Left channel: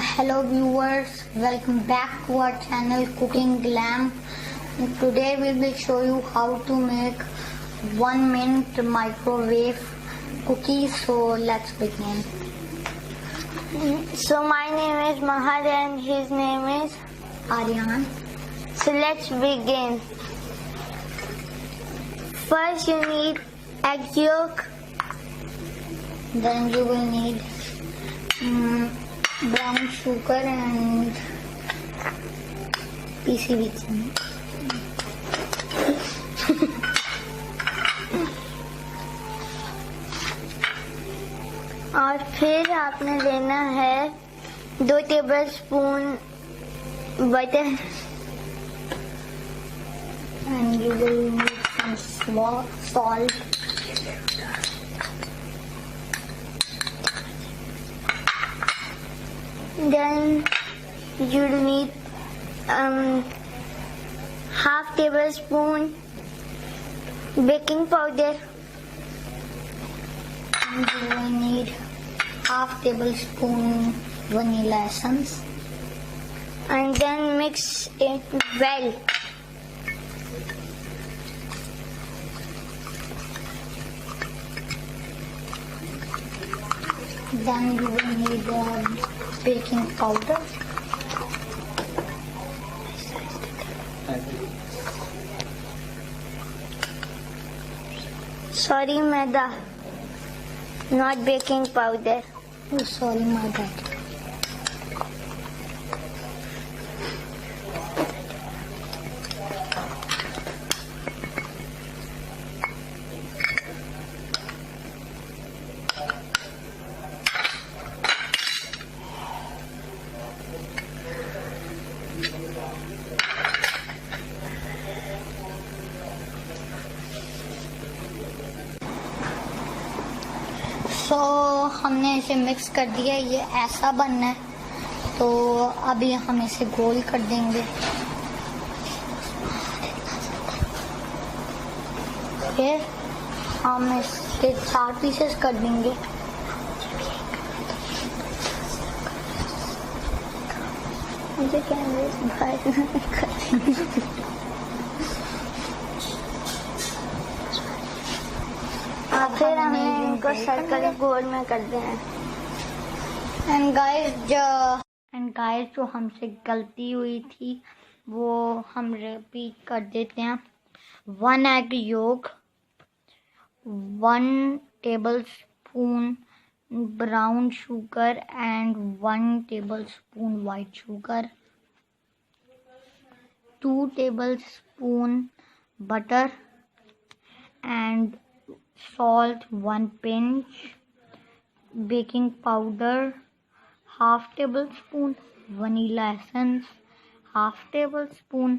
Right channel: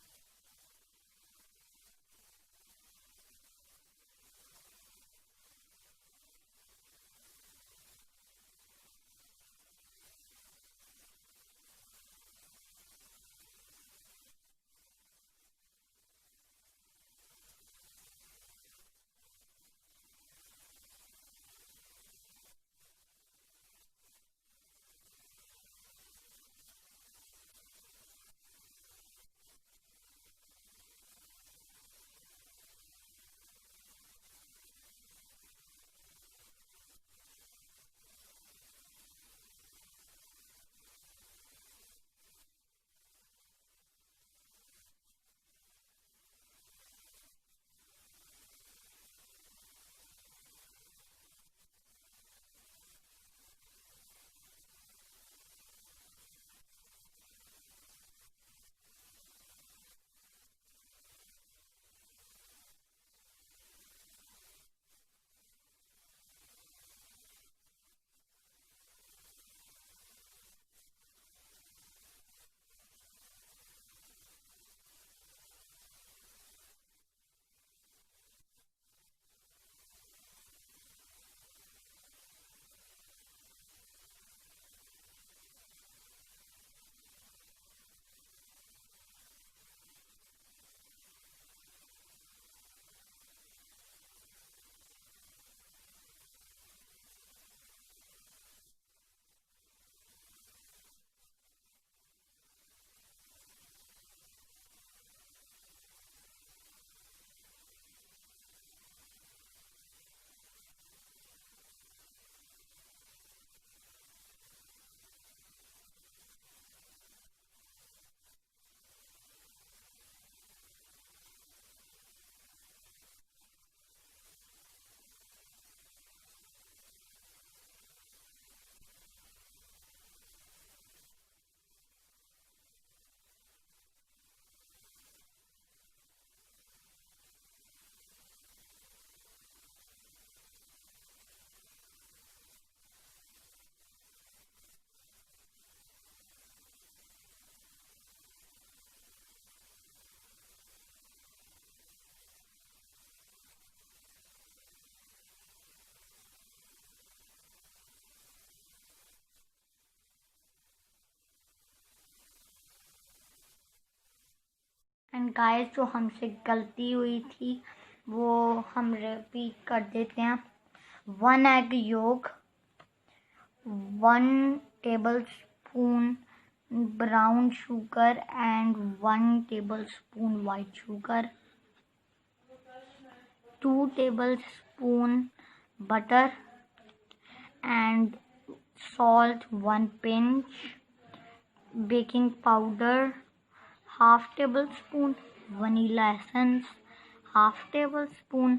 Hello viewers, welcome back to our channel Cooking Glam. Today we will show you how to make 1 minute microwave cookies. So let's begin. So my name is Mahar and his name is Aryan. So let's begin. First you need egg yolk. Then you will need brown sugar and PCB chini. और फिर आपने लेना है 2 tablespoon butter And you will need some salt. Then you'll need half tablespoon baking powder. And you will need half tablespoon vanilla essence. And then mix it well. Then you will need baking powder. Sorry, maida, not baking powder. Oh, sorry, my bad. तो हमने इसे mix कर दिया, ये ऐसा बनना है. तो अभी हम इसे गोल कर देंगे. फिर हम इसके 4 पीसेस कर देंगे. मुझे कैमरे से बाहर फिर हमें इनको सर्कल गोल में कर देना है. एंड गाइस जो हमसे गलती हुई थी वो हम रिपीट कर देते हैं. 1 egg yolk, 1 tablespoon brown sugar and 1 tablespoon white sugar, 2 tablespoon butter and salt 1 pinch, baking powder half tablespoon, vanilla essence half tablespoon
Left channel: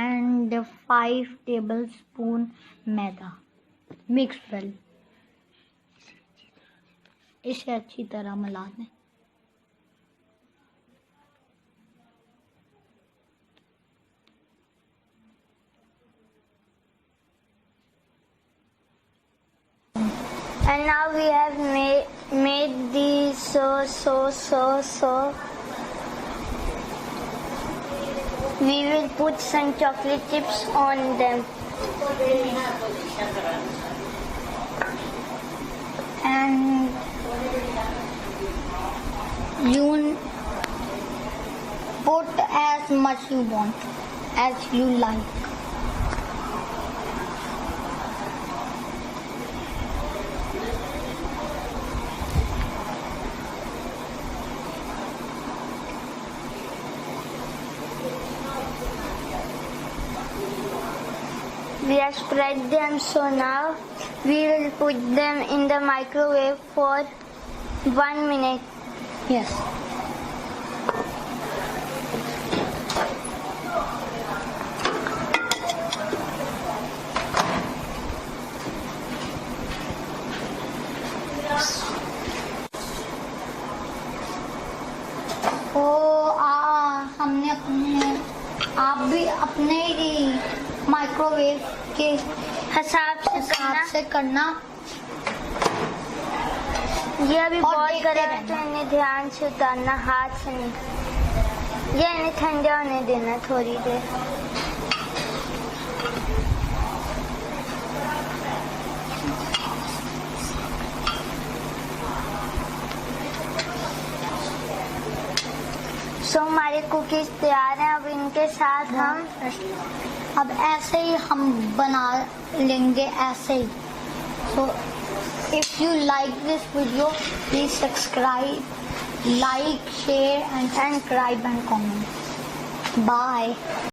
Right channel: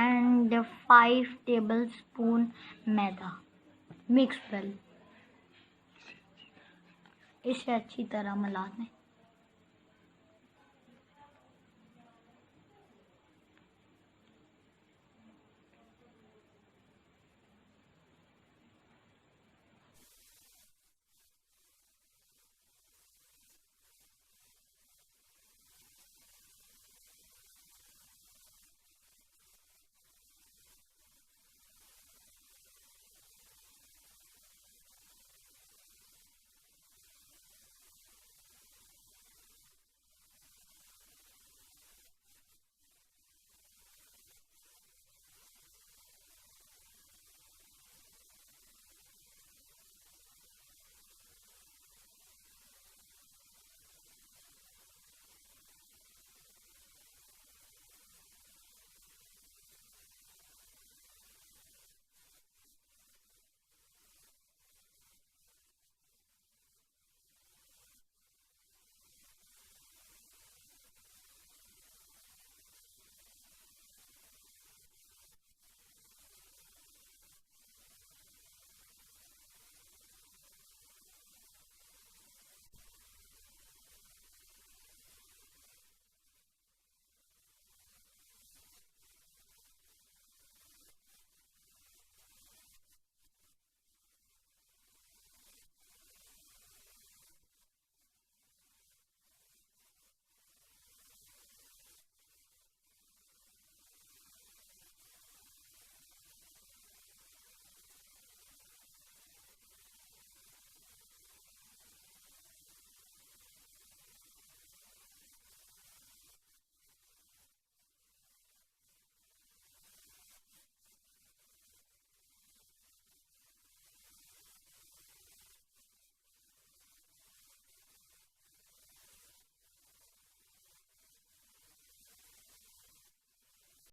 and 5 tablespoon maida. Mix well. इसे अच्छी तरह मिला दें. And now we have made these so. We will put some chocolate chips on them. And you put as much you want, as you like. We have spread them, so now we will put them in the microwave for 1 minute. Yes. तो आप भी अपने ही microwave के हिसाब से से करना. ये अभी और बहुत देखते गर्म है तो रहना। इन्हें ध्यान से उतारना, हाथ से नहीं। ये इन्हें ठंडा होने देना थोड़ी देर। सो हमारे कुकीज तैयार हैं। अब इनके साथ हम अब ऐसे ही हम बना लेंगे, ऐसे ही। So if you like this video, please subscribe, like, share and subscribe and comment. Bye.